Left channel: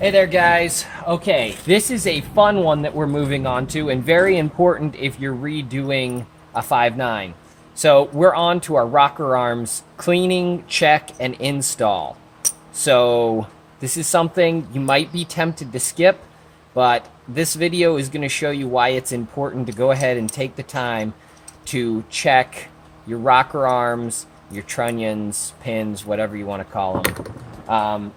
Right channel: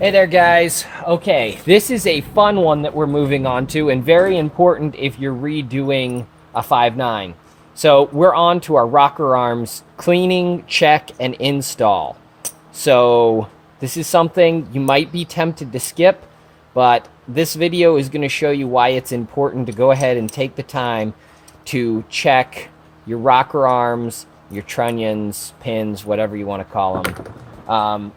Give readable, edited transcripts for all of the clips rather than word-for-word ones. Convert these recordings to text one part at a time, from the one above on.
Hey there, guys. Okay, this is a fun one that we're moving on to, and very important if you're redoing a 5.9. So we're on to our rocker arms cleaning, check, and install. So this is something you might be tempted to skip, but this video is going to show you why it's important to go ahead and take the time to check your rocker arms, your trunnions, pins, whatever you want to call them.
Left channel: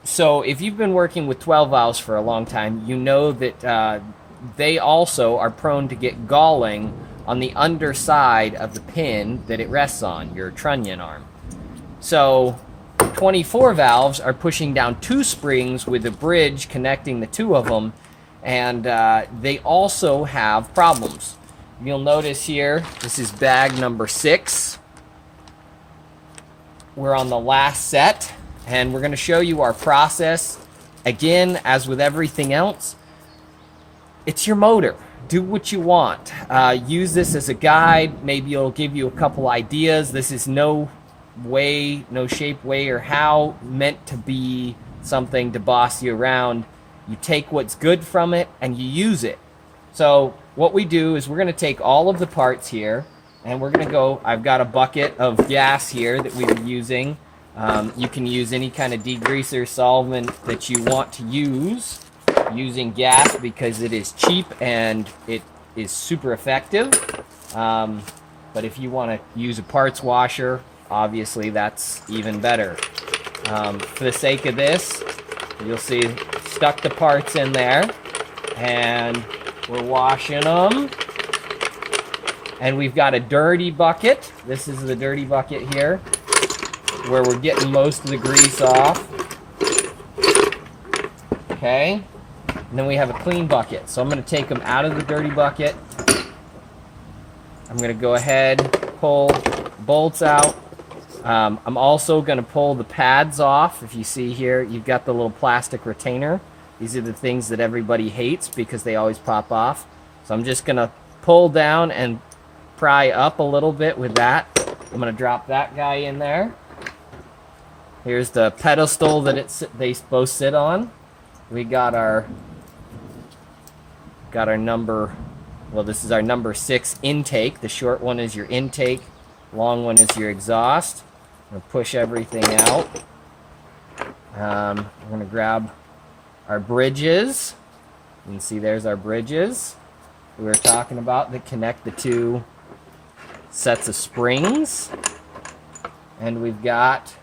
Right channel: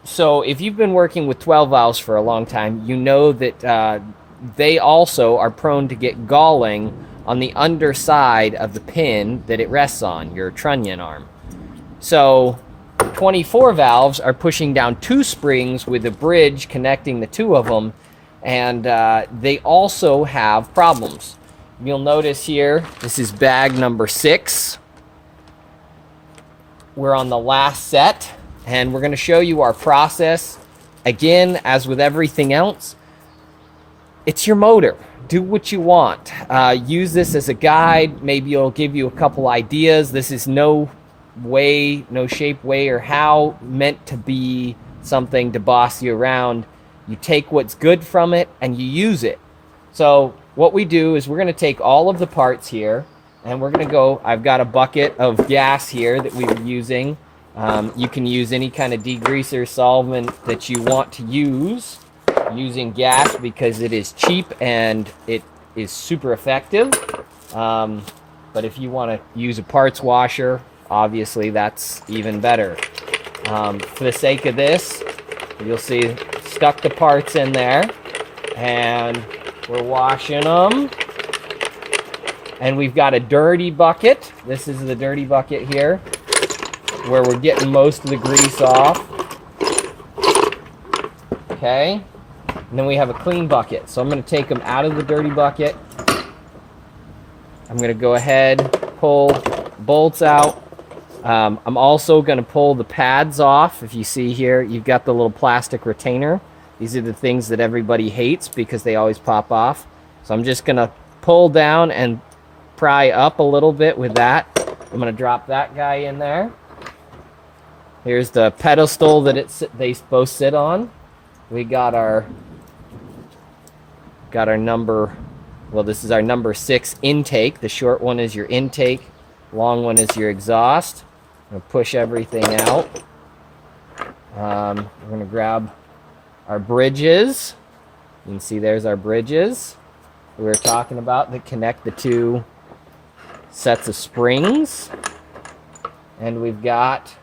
So if you've been working with 12 valves for a long time, you know that they also are prone to get galling on the underside of the pin that it rests on, your trunnion arm. So 24 valves are pushing down two springs with a bridge connecting the two of them, and they also have problems. You'll notice here, this is bag number 6. We're on the last set, and we're going to show you our process. Again, as with everything else, it's your motor. Do what you want. Use this as a guide. Maybe it'll give you a couple ideas. This is no way, no shape, way, or how meant to be something to boss you around. You take what's good from it and you use it. So what we do is we're going to take all of the parts here, and we're going to go, I've got a bucket of gas here that we were using. You can use any kind of degreaser solvent that you want to use using gas because it is cheap and it is super effective. But if you want to use a parts washer, obviously that's even better. For the sake of this, you'll see stuck the parts in there, and we're washing them. And we've got a dirty bucket. This is the dirty bucket here, where we're getting most of the grease off. Okay. And then we have a clean bucket. So I'm going to take them out of the dirty bucket. I'm going to go ahead, pull bolts out. I'm also going to pull the pads off. If you see here, you've got the little plastic retainer. These are the things that everybody hates because they always pop off. So I'm just going to pull down and pry up a little bit with that. I'm going to drop that guy in there. Here's the pedestal that they both sit on. We got our number, well, this is our number 6 intake. The short one is your intake, long one is your exhaust. I'm going to push everything out. I'm going to grab our bridges. You can see there's our bridges we were talking about that connect the two sets of springs. And we've got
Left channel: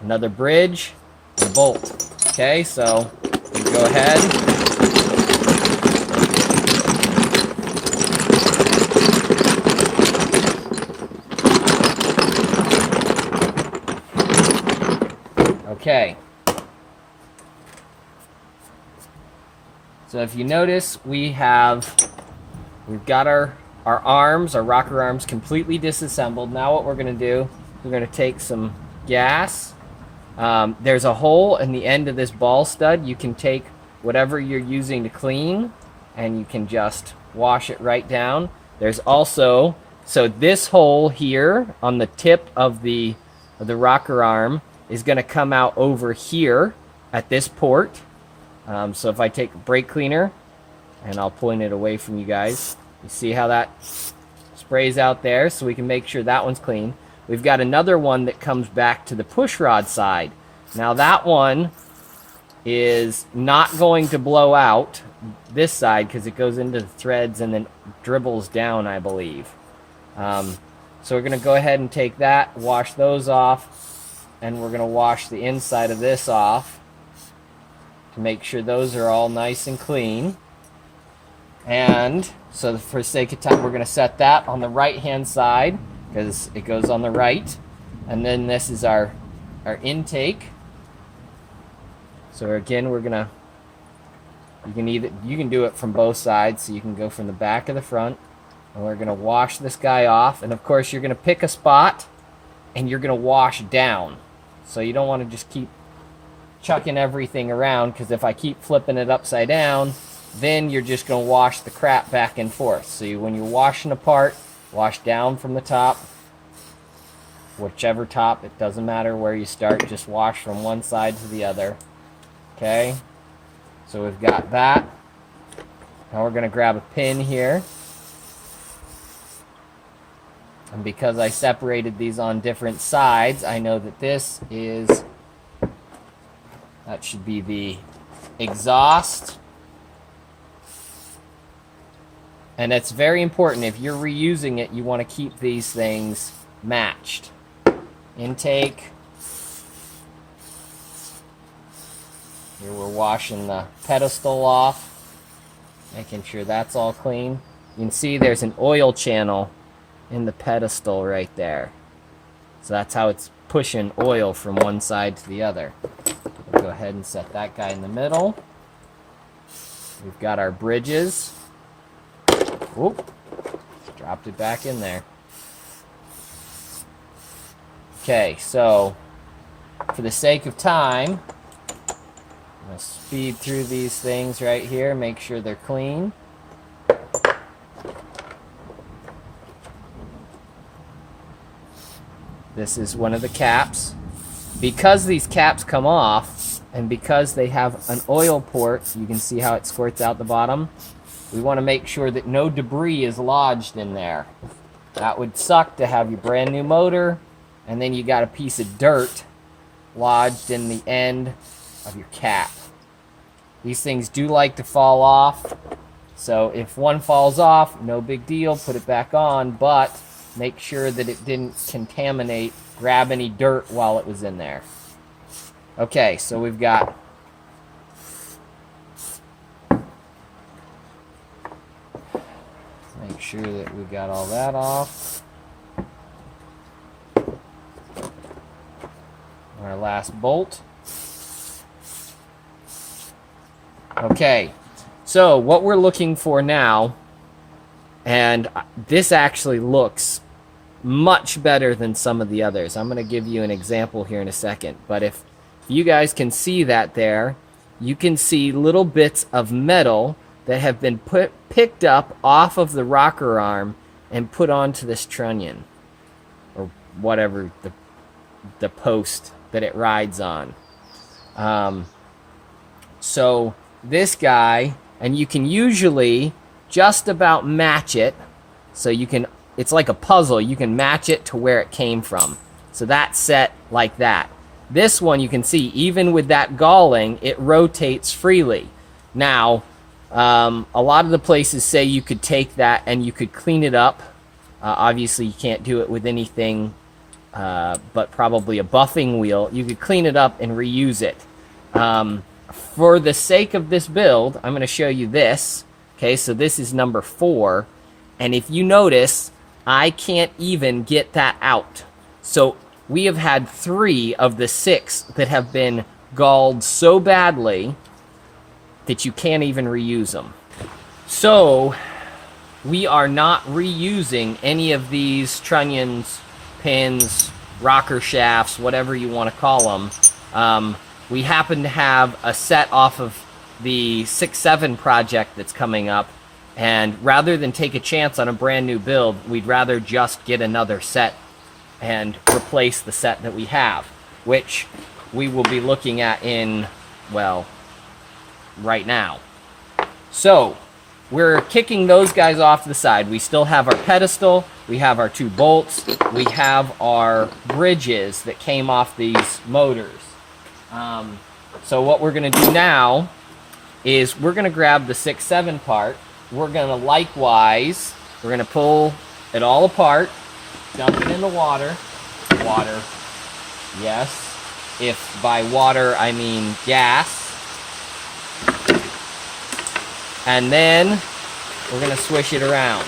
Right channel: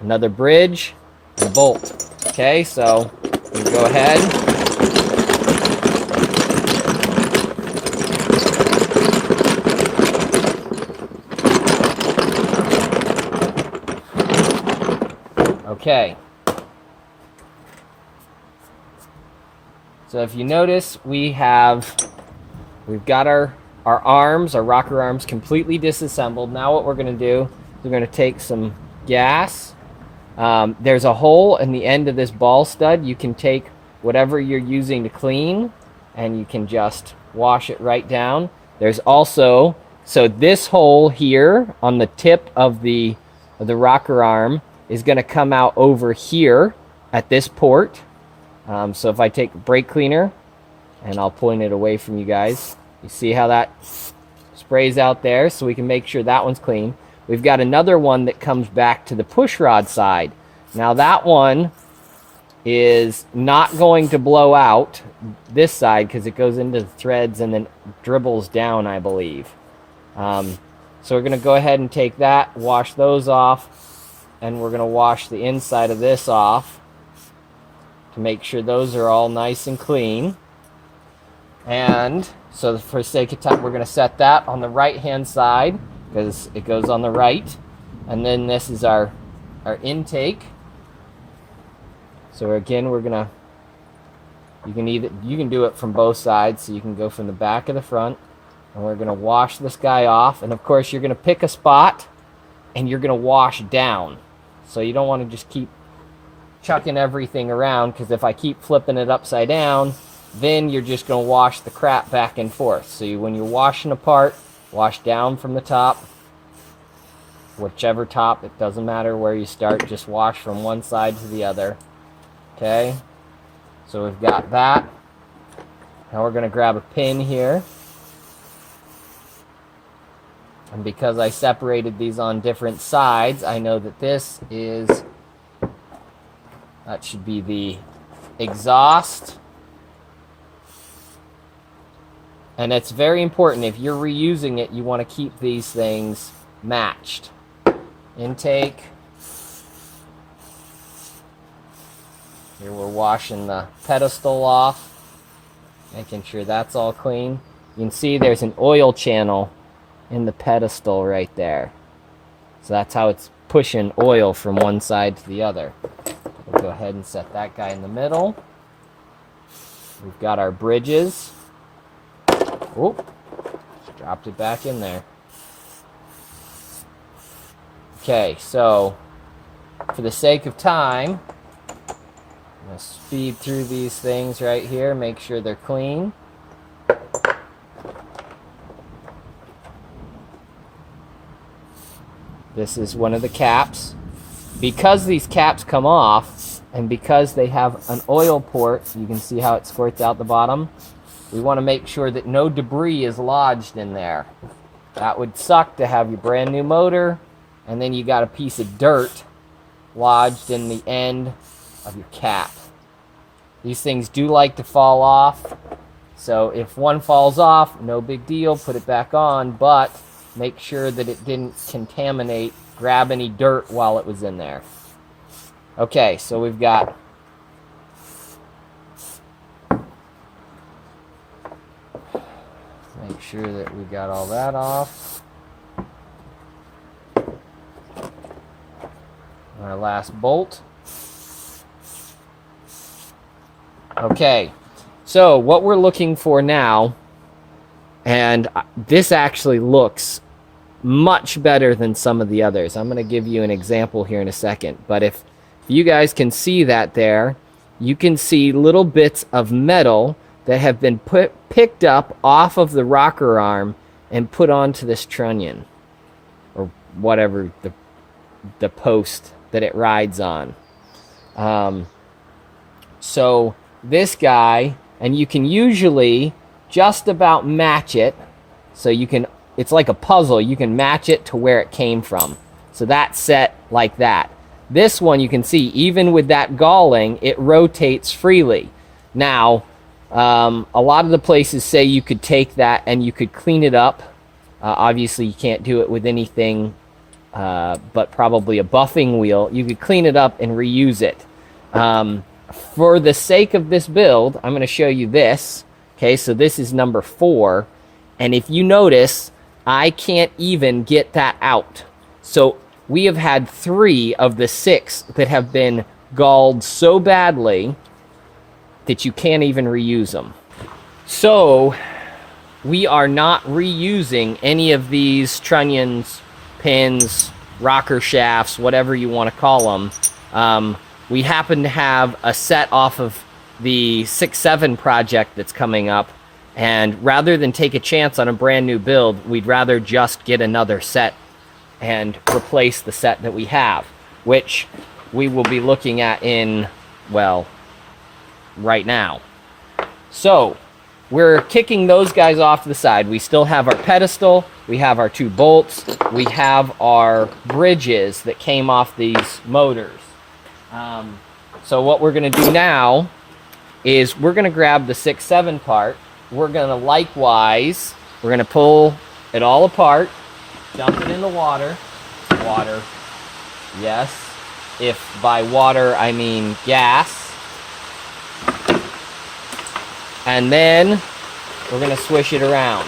another bridge and a bolt. Okay, so we go ahead. Okay. So if you notice, we've got our arms, our rocker arms completely disassembled. Now what we're going to do, we're going to take some gas. There's a hole in the end of this ball stud. You can take whatever you're using to clean and you can just wash it right down. There's also, so this hole here on the tip of the rocker arm is going to come out over here at this port. So if I take a brake cleaner, and I'll point it away from you guys, you see how that sprays out there, so we can make sure that one's clean. We've got another one that comes back to the push rod side. Now that one is not going to blow out this side because it goes into the threads and then dribbles down, I believe. So we're going to go ahead and take that, wash those off, and we're going to wash the inside of this off to make sure those are all nice and clean. And so for sake of time, we're going to set that on the right-hand side because it goes on the right. And then this is our intake. So again, we're going to, you can do it from both sides. So you can go from the back of the front. And we're going to wash this guy off. And of course, you're going to pick a spot and you're going to wash down. So you don't want to just keep chucking everything around, because if I keep flipping it upside down, then you're just going to wash the crap back and forth. So when you're washing apart, wash down from the top, whichever top, it doesn't matter where you start, just wash from one side to the other. Okay, So we've got that. Now we're going to grab a pin here. And because I separated these on different sides, I know that this is, that should be the exhaust. And it's very important, if you're reusing it, you want to keep these things matched. Intake. Here we're washing the pedestal off, making sure that's all clean. You can see there's an oil channel in the pedestal right there. So that's how it's pushing oil from one side to the other. We'll go ahead and set that guy in the middle. We've got our bridges. Oop, dropped it back in there. Okay, so for the sake of time, I'm going to speed through these things right here, make sure they're clean. This is one of the caps. Because these caps come off, and because they have an oil port, you can see how it squirts out the bottom. We want to make sure that no debris is lodged in there. That would suck to have your brand new motor, and then you got a piece of dirt lodged in the end of your cap. These things do like to fall off, so if one falls off, no big deal, put it back on, but make sure that it didn't contaminate, grab any dirt while it was in there. Okay, so we've got make sure that we got all that off. Our last bolt. Okay, so what we're looking for now, and this actually looks much better than some of the others. I'm going to give you an example here in a second, but if you guys can see that there, you can see little bits of metal that have been picked up off of the rocker arm and put onto this trunnion, or whatever the post that it rides on. So this guy, and you can usually just about match it, so you can, it's like a puzzle, you can match it to where it came from. So that's set like that. This one you can see, even with that galling, it rotates freely. Now, a lot of the places say you could take that and you could clean it up. Obviously you can't do it with anything but probably a buffing wheel. You could clean it up and reuse it. For the sake of this build, I'm going to show you this. Okay, so this is number 4. And if you notice, I can't even get that out. So we have had 3 of the 6 that have been galled so badly that you can't even reuse them. So we are not reusing any of these trunnions, pins, rocker shafts, whatever you want to call them. We happen to have a set off of the 6-7 project that's coming up, and rather than take a chance on a brand new build, we'd rather just get another set and replace the set that we have, which we will be looking at in, well, right now. So we're kicking those guys off to the side. We still have our pedestal, we have our 2 bolts, we have our bridges that came off these motors. So what we're going to do now is we're going to grab the 6-7 part. We're going to likewise, we're going to pull it all apart, dump it in the water. Water, yes. If by water I mean gas. And then we're going to swish it around.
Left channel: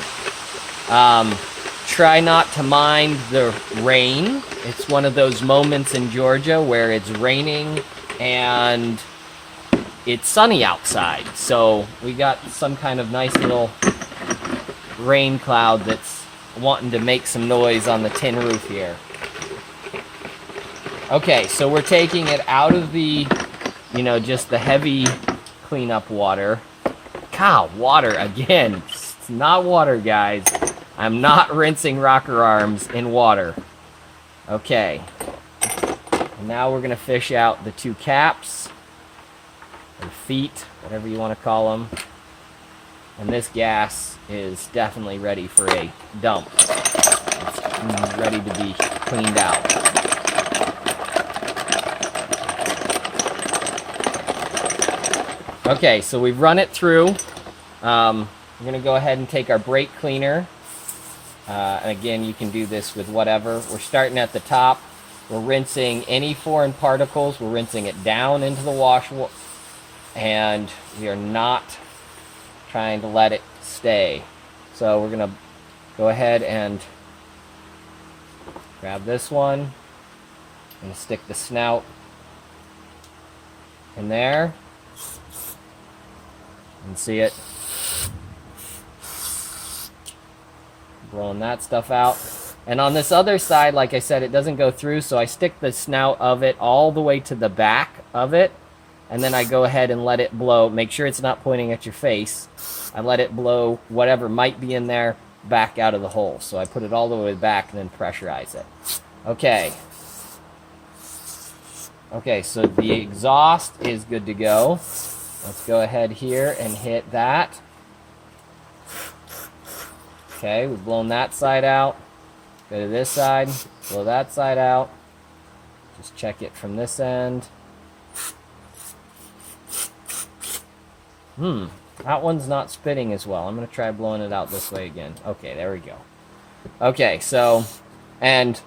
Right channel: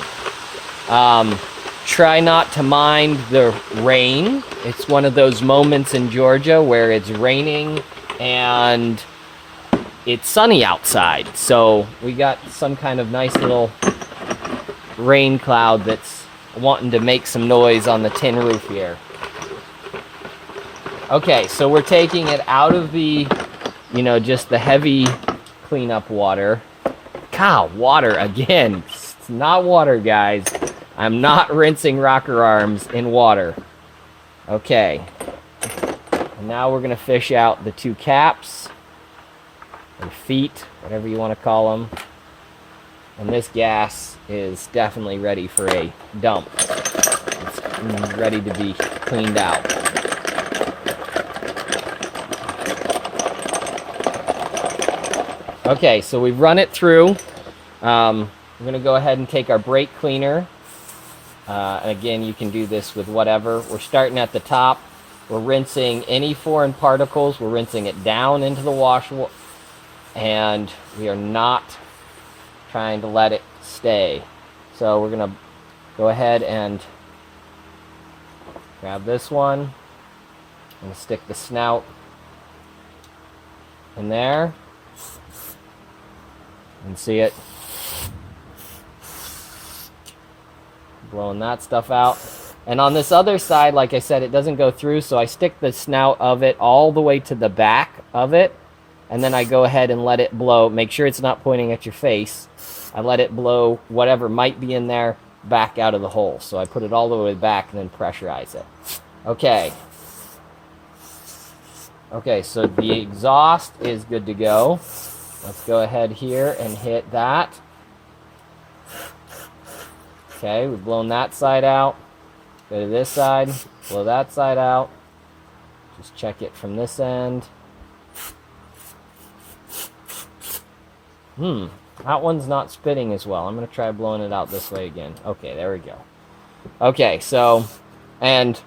Try not to mind the rain. It's one of those moments in Georgia where it's raining and it's sunny outside. So we got some kind of nice little rain cloud that's wanting to make some noise on the tin roof here. Okay, so we're taking it out of the, just the heavy cleanup water. God, water again. It's not water, guys. I'm not rinsing rocker arms in water. Okay. And now we're going to fish out the 2 caps. or feet, whatever you want to call them. And this gas is definitely ready for a dump. It's ready to be cleaned out. Okay, so we've run it through. We're going to go ahead and take our brake cleaner. And again, you can do this with whatever. We're starting at the top. We're rinsing any foreign particles. We're rinsing it down into the wash. And we are not trying to let it stay. So we're going to go ahead and grab this one and stick the snout in there. And see it blowing that stuff out. And on this other side, like I said, it doesn't go through, so I stick the snout of it all the way to the back of it, and then I go ahead and let it blow. Make sure it's not pointing at your face. I let it blow whatever might be in there back out of the hole. So I put it all the way back and then pressurize it. Okay. Okay, so the exhaust is good to go. Let's go ahead here and hit that. Okay, we've blown that side out. Go to this side, blow that side out. Just check it from this end. That one's not spitting as well. I'm going to try blowing it out this way again. Okay, there we go. Okay, so, and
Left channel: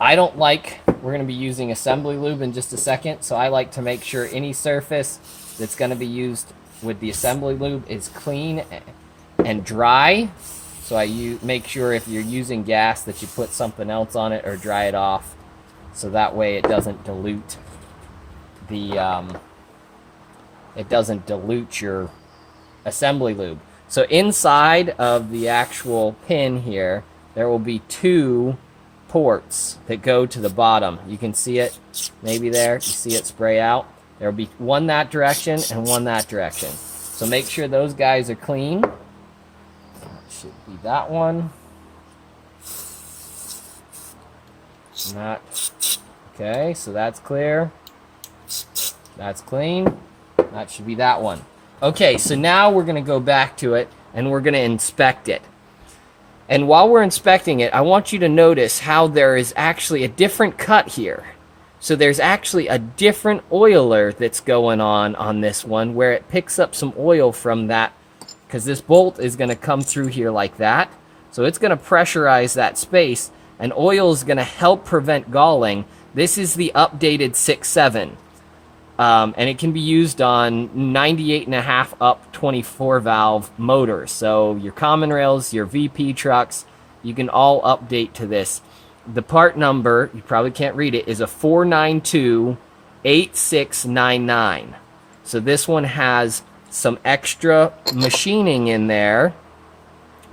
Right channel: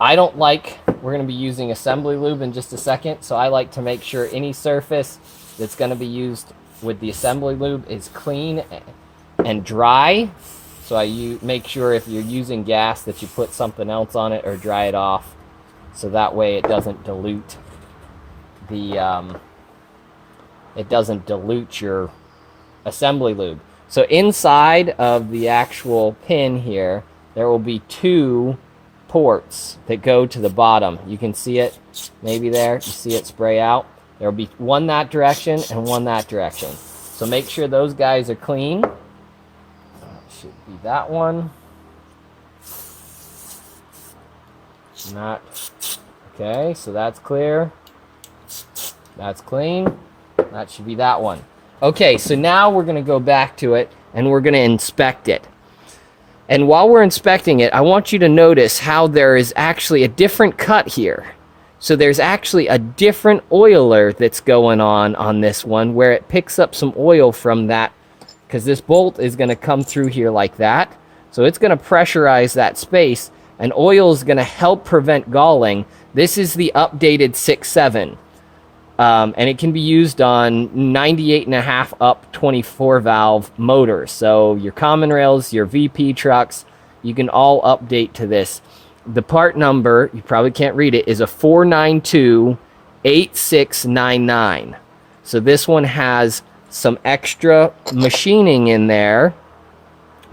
I don't like, we're going to be using assembly lube in just a second, so I like to make sure any surface that's going to be used with the assembly lube is clean and dry. So I make sure if you're using gas that you put something else on it or dry it off, so that way it doesn't dilute the your assembly lube. So inside of the actual pin here, there will be 2 ports that go to the bottom. You can see it maybe there. You see it spray out. There will be one that direction and one that direction. So make sure those guys are clean. That should be that one. And that. Okay, so that's clear. That's clean. That should be that one. Okay, so now we're going to go back to it and we're going to inspect it. And while we're inspecting it, I want you to notice how there is actually a different cut here. So there's actually a different oiler that's going on this one, where it picks up some oil from that, because this bolt is going to come through here like that. So it's going to pressurize that space, and oil is going to help prevent galling. This is the updated 6.7. And it can be used on 98.5 up 24 valve motors. So your common rails, your VP trucks, you can all update to this. The part number, you probably can't read it, is a 4928699. So this one has some extra machining in there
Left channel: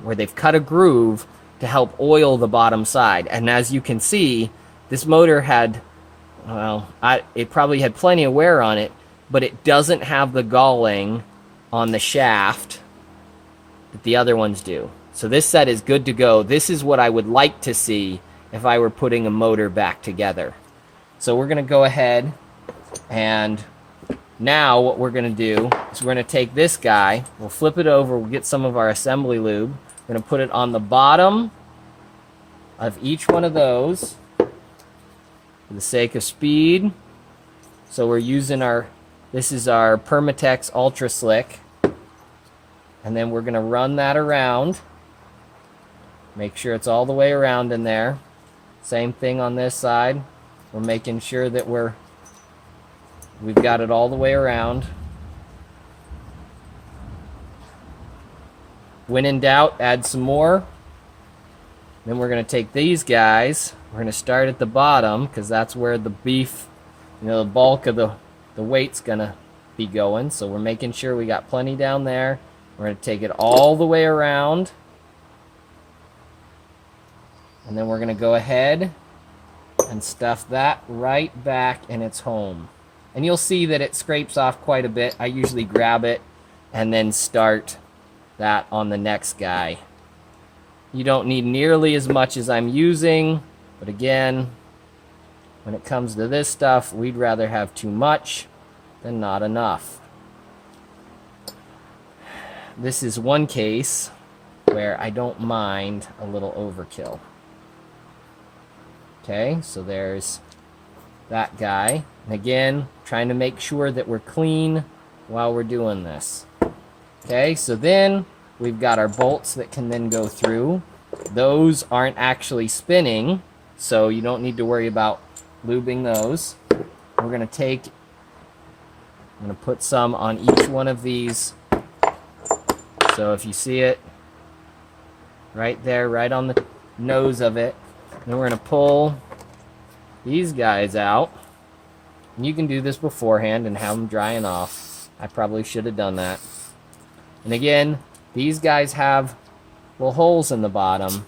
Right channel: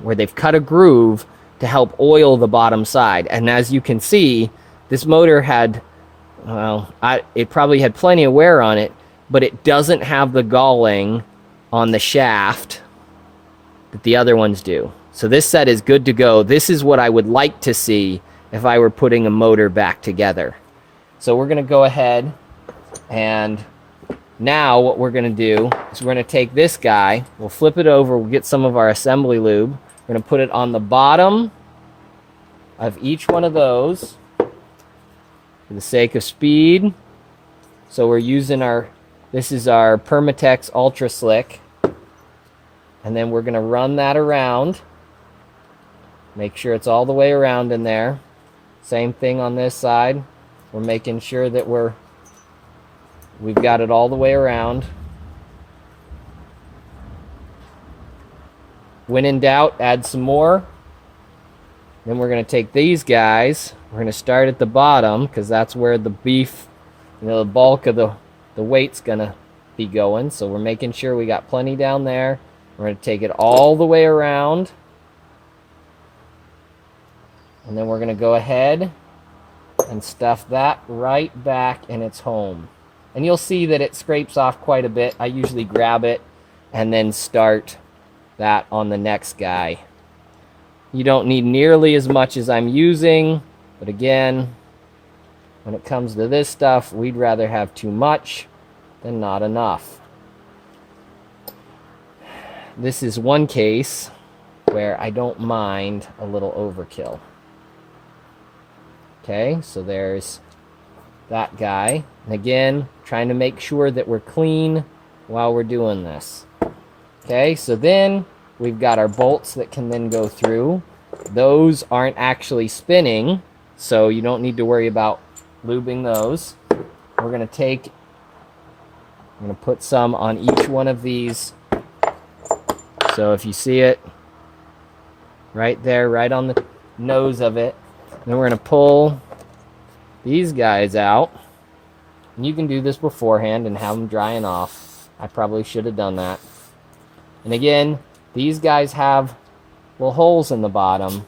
where they've cut a groove to help oil the bottom side. And as you can see, this motor had, well, it probably had plenty of wear on it, but it doesn't have the galling on the shaft that the other ones do. So this set is good to go. This is what I would like to see if I were putting a motor back together. So we're going to go ahead, and now what we're going to do is we're going to take this guy, we'll flip it over, we'll get some of our assembly lube, we're going to put it on the bottom of each one of those for the sake of speed. So we're using this is our Permatex Ultra Slick, and then we're going to run that around. Make sure it's all the way around in there. Same thing on this side. We're making sure that we've got it all the way around. When in doubt, add some more. Then we're going to take these guys. We're going to start at the bottom, because that's where the beef, the bulk of the weight's going to be going. So we're making sure we got plenty down there. We're going to take it all the way around. And then we're going to go ahead and stuff that right back in its home. And you'll see that it scrapes off quite a bit. I usually grab it and then start that on the next guy. You don't need nearly as much as I'm using, but again, when it comes to this stuff, we'd rather have too much than not enough. This is one case where I don't mind a little overkill. Okay, so there's that guy. And again, trying to make sure that we're clean while we're doing this. Okay, so then we've got our bolts that can then go through. Those aren't actually spinning, so you don't need to worry about lubing those. We're going to put some on each one of these. So if you see it right there, right on the nose of it, then we're going to pull these guys out. And you can do this beforehand and have them drying off. I probably should have done that. And again, these guys have little holes in the bottom.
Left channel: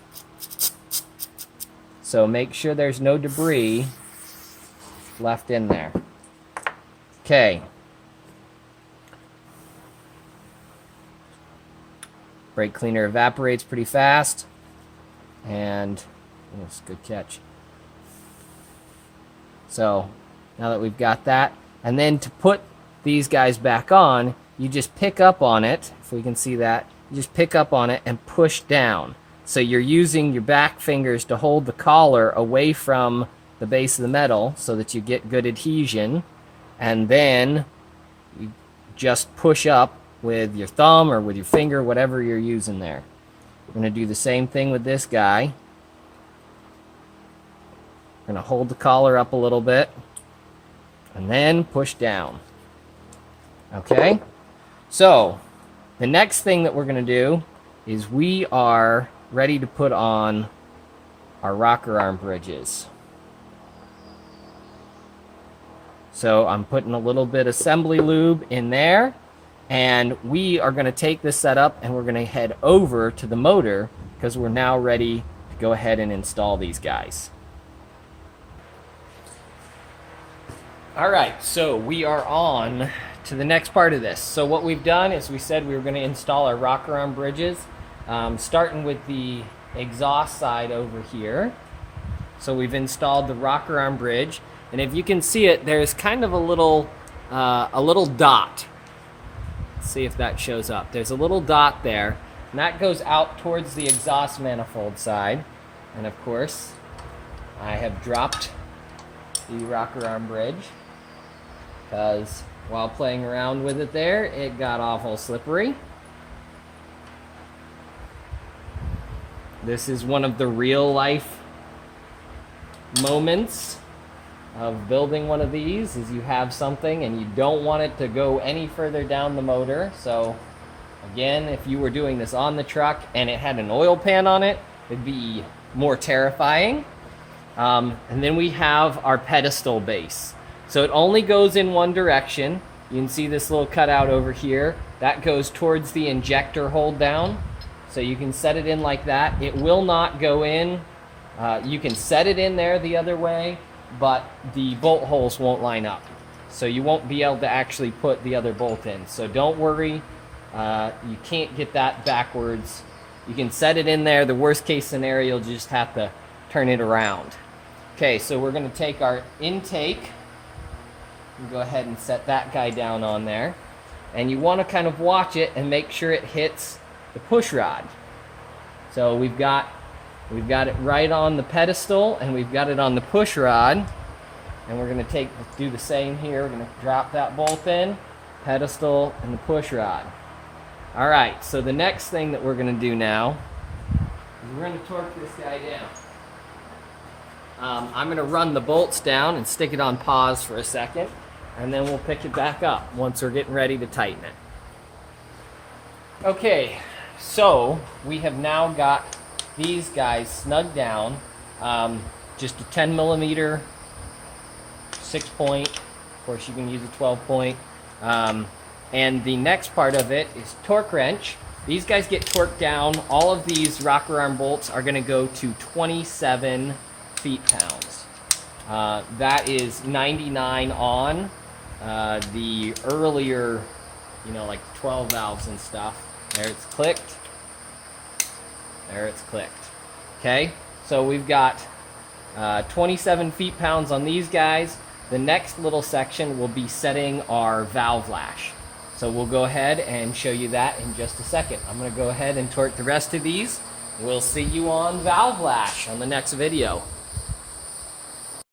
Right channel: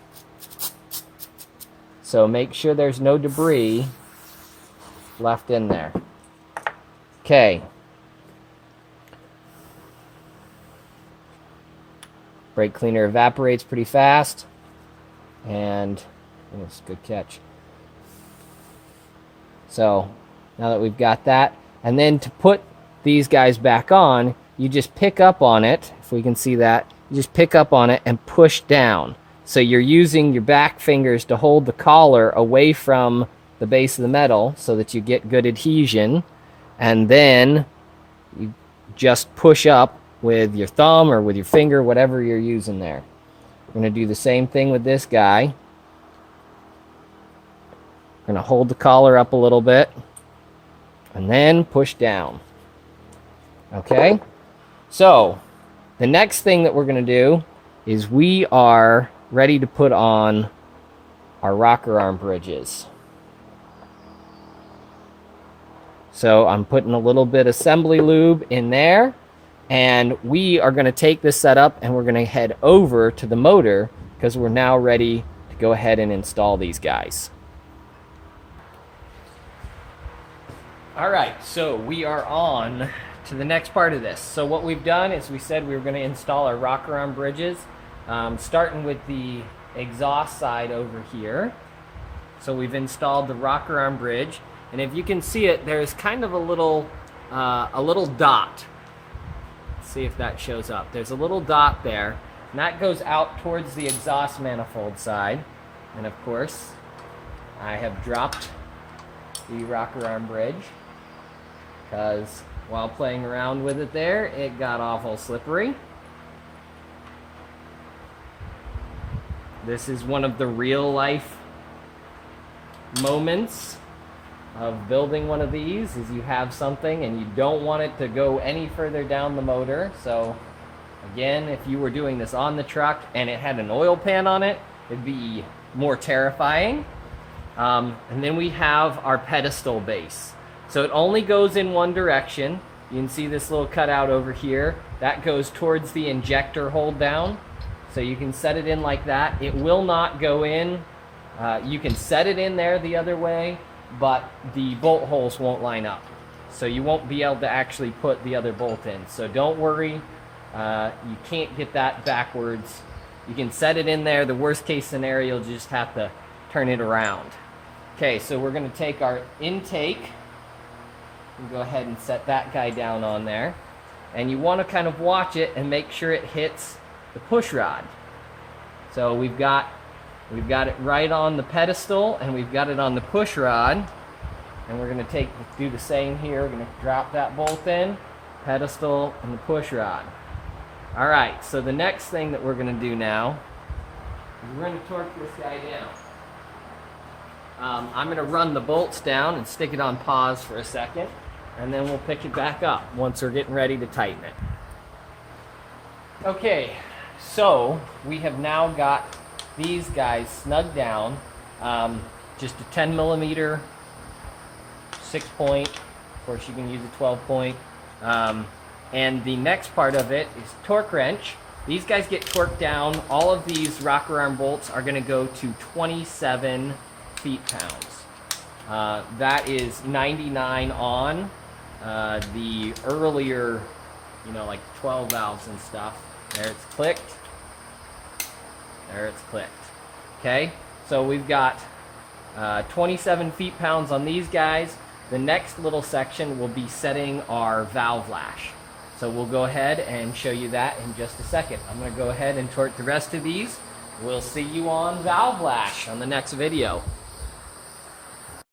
So make sure there's no debris left in there. Okay. Brake cleaner evaporates pretty fast. And oh, it's a good catch. So now that we've got that, and then to put these guys back on, you just pick up on it. If we can see that, you just pick up on it and push down. So you're using your back fingers to hold the collar away from the base of the metal so that you get good adhesion. And then you just push up with your thumb or with your finger, whatever you're using there. We're going to do the same thing with this guy. We're going to hold the collar up a little bit and then push down. Okay? So, the next thing that we're going to do is we are ready to put on our rocker arm bridges. So, I'm putting a little bit of assembly lube in there, and we are going to take this setup and we're going to head over to the motor because we're now ready to go ahead and install these guys. Alright, so we are on to the next part of this. So what we've done is we said we were going to install our rocker arm bridges, starting with the exhaust side over here. So we've installed the rocker arm bridge, and if you can see it, there's kind of a little dot. Let's see if that shows up. There's a little dot there, and that goes out towards the exhaust manifold side. And of course, I have dropped the rocker arm bridge because while playing around with it there, it got awful slippery. This is one of the real life moments of building one of these, is you have something and you don't want it to go any further down the motor. So again, if you were doing this on the truck and it had an oil pan on it, it'd be more terrifying. And then we have our pedestal base. So it only goes in one direction. You can see this little cutout over here. That goes towards the injector hold down. So you can set it in like that. It will not go in. You can set it in there the other way, but the bolt holes won't line up. So you won't be able to actually put the other bolt in. So don't worry. You can't get that backwards. You can set it in there. The worst case scenario, you'll just have to turn it around. Okay, so we're going to take our intake. We'll go ahead and set that guy down on there. And you want to kind of watch it and make sure it hits the push rod. So we've got it right on the pedestal and we've got it on the push rod. And we're going to do the same here. We're going to drop that bolt in, pedestal, and the push rod. All right, so the next thing that we're going to do now is we're going to torque this guy down. I'm going to run the bolts down and stick it on pause for a second, and then we'll pick it back up once we're getting ready to tighten it. Okay, so we have now got these guys snugged down. Just a 10 millimeter 6-point. Of course, you can use a 12-point. And the next part of it is torque wrench. These guys get torqued down. All of these rocker arm bolts are going to go to 27 feet-pounds. That is 99 on. The earlier, like 12 valves and stuff. There it's clicked. There it's clicked. Okay, so we've got 27 feet-pounds on these guys. The next little section will be setting our valve lash. So we'll go ahead and show you that in just a second. I'm going to go ahead and torque the rest of these. We'll see you on valve lash on the next video.